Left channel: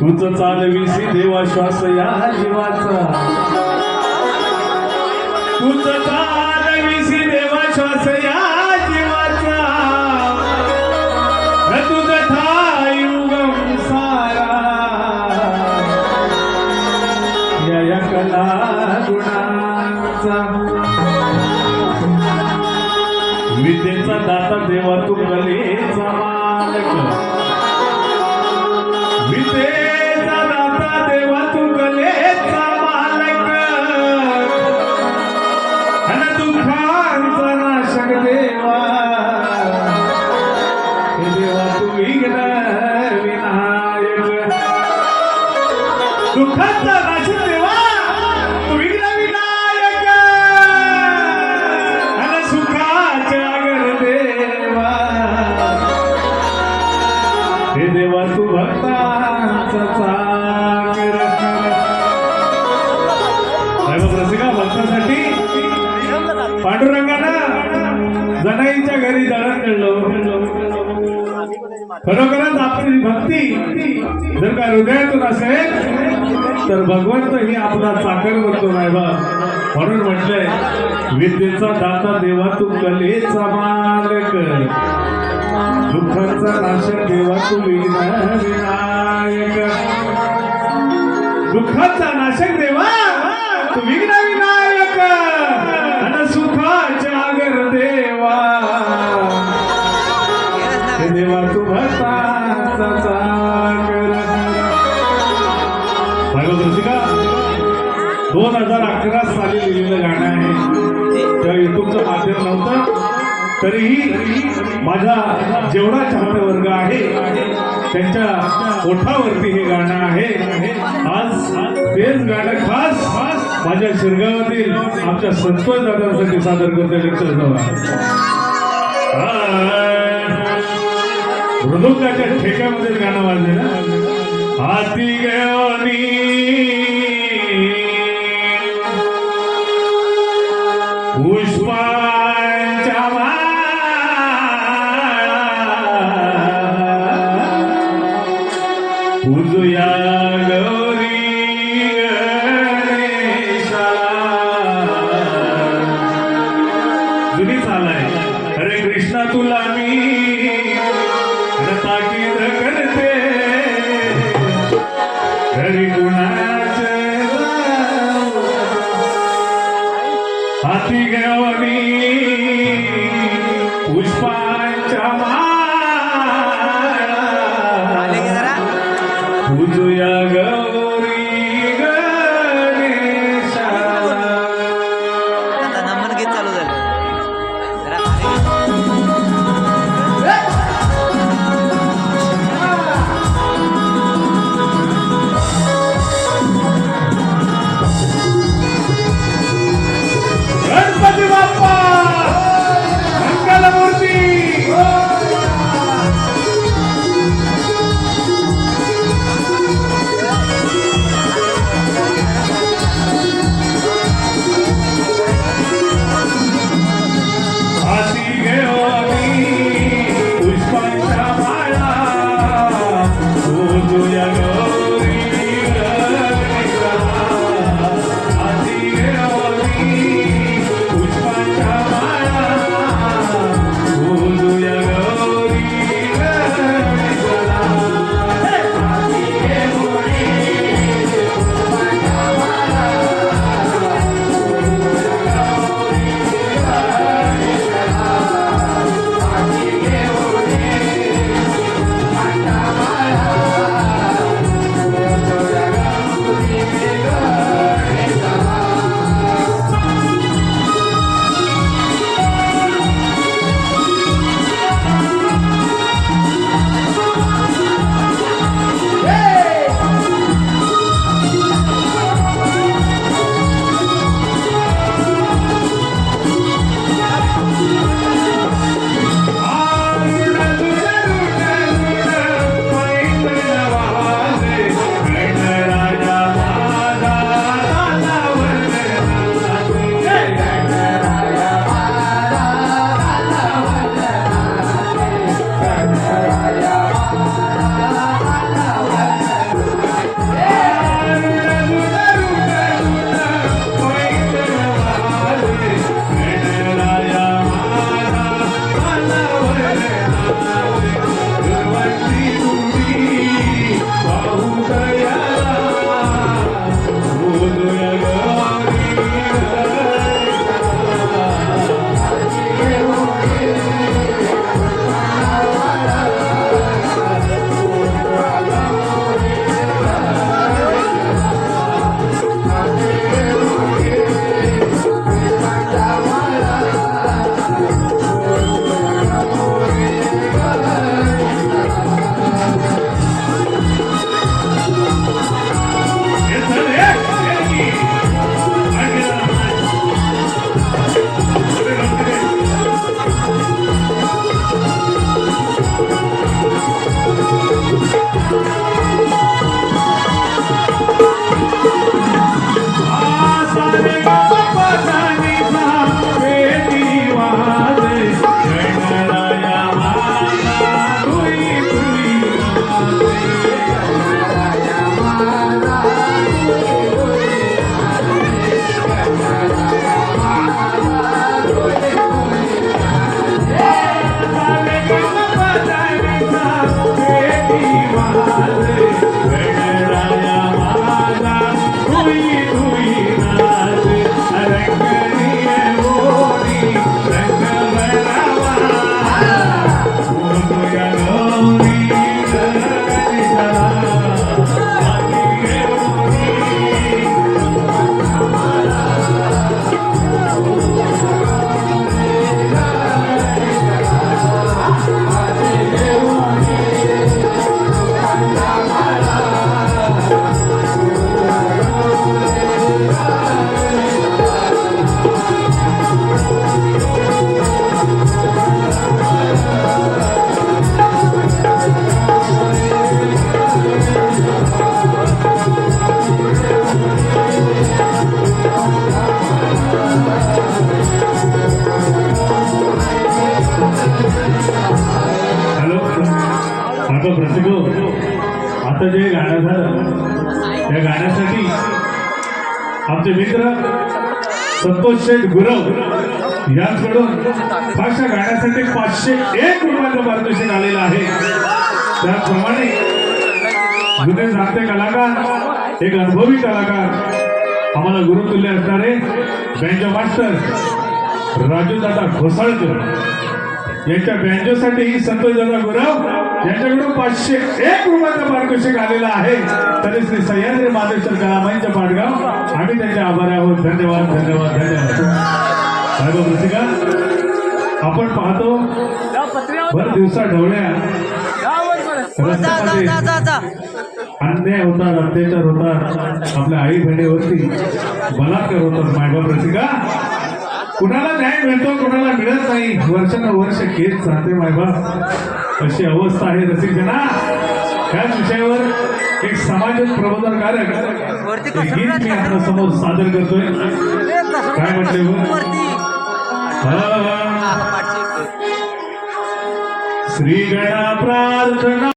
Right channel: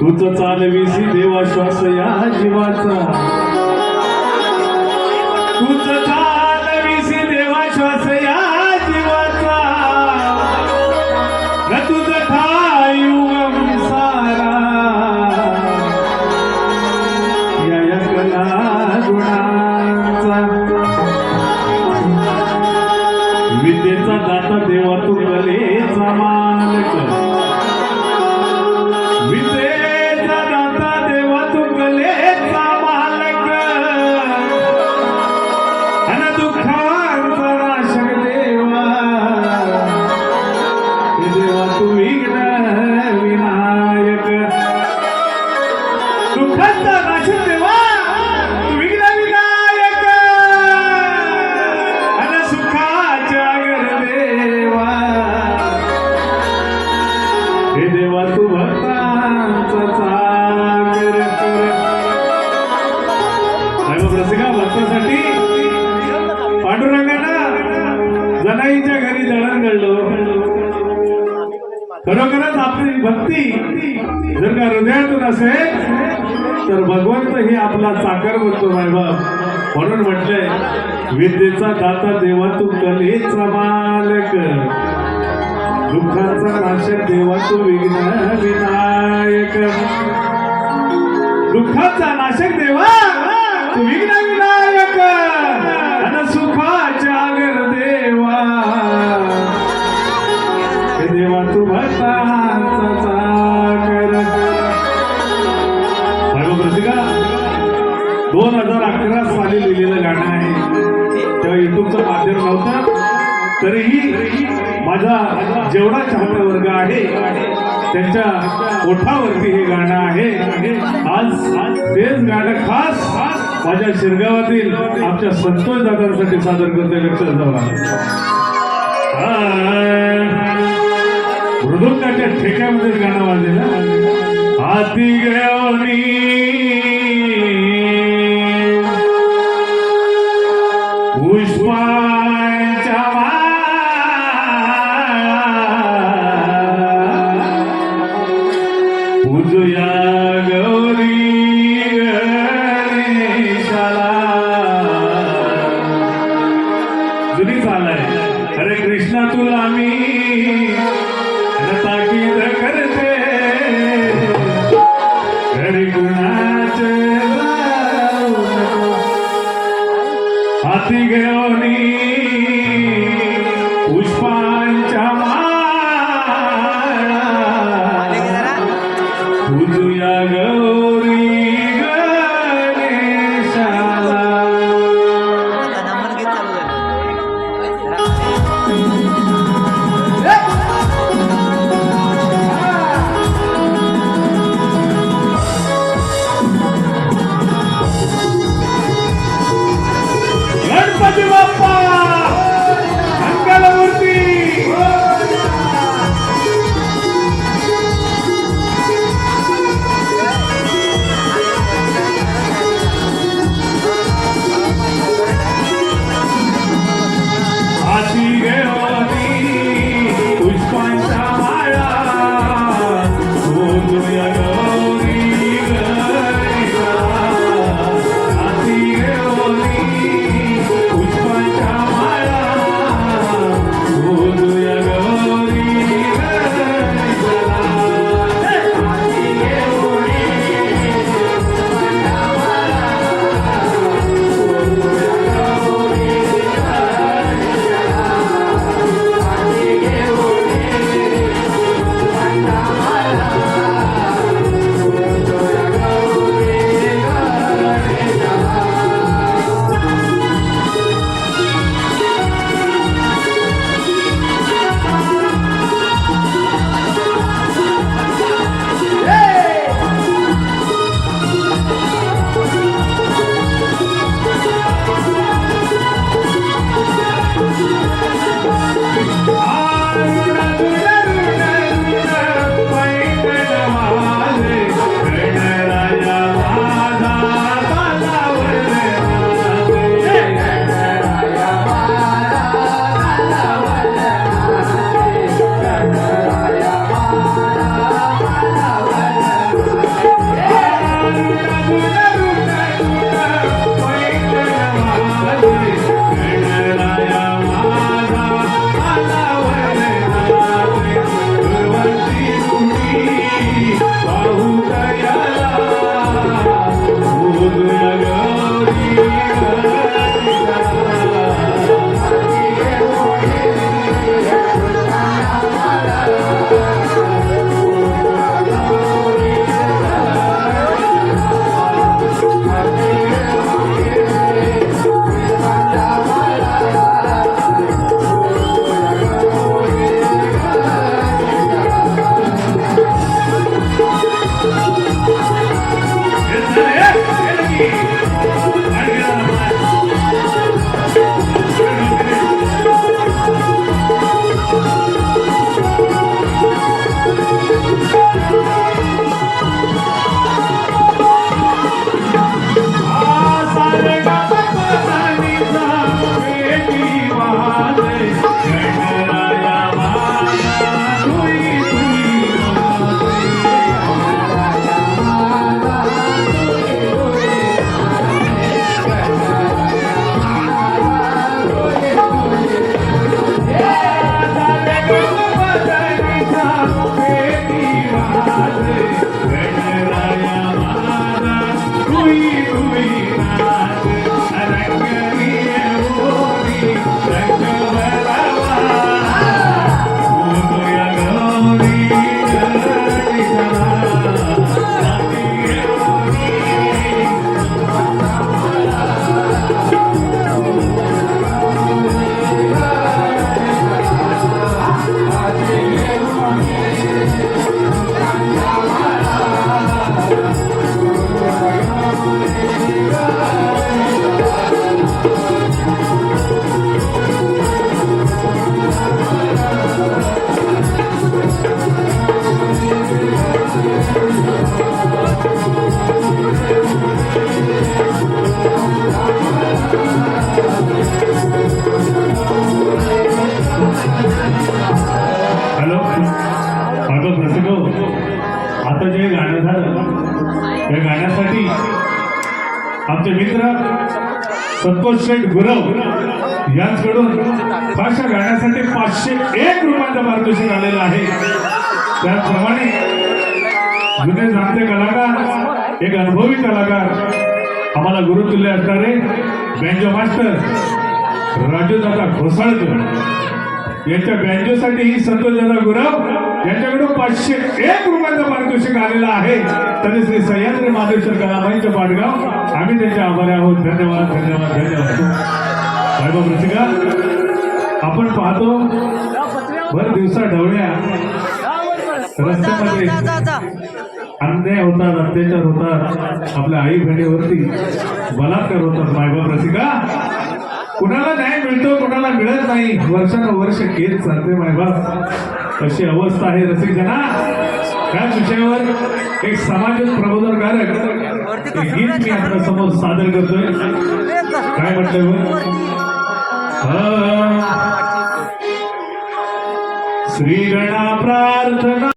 तूच चालविसी देवा श्वास या जीवाचा, तूच चालविसी देवा श्वास या जीवाचा, न तुझ ठाई उगम सारा या कला गुणांचा। विद्येचा दाता देवा तू कलेचा मालक, विद्येचा दाता देवा तू कलेचा मालक, अन दुःखांचा नाशक देवा, हे देवा तू विघ्न विनायक। दुःखांचा नाशक देवा तू विघ्न विनायक, अन सुखाच्या गर देवा, हे देवा तू भक्तांचा सागर कर। रसिका भक्तासाठी पांडुरंगानं जनाईच्या घरी दळण घडलं। खरोखरच आपली भक्ती जर का हृदयातून असेल तर भगवंत हे आपला चाकर बनतो नाही बा। म्हणून म्हटलंय विद्येचा दाता देवा तू कलेचा मालक, दुःखाचा नाशक देवा तू विघ्न विनायक। दुःखाचा नाशक देवा तू विघ्न विनायक, अन सुखाच्या गर देवा, हे देवा तू भक्तांचा सागर। रसिका 2011 साली लिहिलेलं गाणं आहे। तेव्हा युट्यूबचं माध्यम नव्हतं, तरीही माझा जेवढा चाहता वर्ग आहे त्यांच्या ओठावरती हे गाणं आहे। आज तेच गाणं खास माझ्या शिरगावातील आमच्या संतोष दादांसाठी सादर करते। लक्षात ठेवा, मृदुंगाच्या ठेक्यामध्ये गाणं वाजले ना, हाती गवनी पुष्पांच्या पूजुया गौरी गणेशा। जुनी चाल आहे, हरे कृष्णा तुला मी ताकीद करते, घरी कुणाचे हाती घेऊनी पुष्पांच्या माळा, पूजुया गौरी आता जे गाणं झालं त्या गाण्यासाठी आमचे मित्र संतोष शेठ गुरव यांच्याकडून खास या गाण्यासाठी 501 रुपयाचं पारितोषिक आलेलं आहे. त्याचप्रमाणे जुने जाणते कलाकार, एक अनुभवी कलाकार, आम्हाला गुरुतुल्य असणारे बँजो मास्टर राजूदादा घोसाळकर यांच्या बँजोसाठी ही संतोषदादा गुरव यांच्याकडून 501 रुपयाचं पारितोषिक आलेलं आहे. तरी श्री सह्याद्री महादेश्वर कलामंच पाडगाव आम्ही त्यांचे आभारी आहोत. धन्यवाद धन्यवाद धन्यवाद. साहेब रसिका, आपण पाहतो भर दिवसा ढवळ्या रस्त्यामध्ये अन्याय होतात, अत्याचार होतात, आपल्या आई बहिणीवरती बलात्कार होतात. मायबाप रसिका, कुणाला न्याय मिळतो कुणाला मिळत नाही. वर्षानुवर्ष केस चालते मायबाप. अशी अवस्था आहे रसिक जना. त्याच विषयावर एक समाज प्रबोधनकारक गीत मी आपल्या समोर सादर करतोय. काय म्हटलं? श्री गणा प्रार्थना.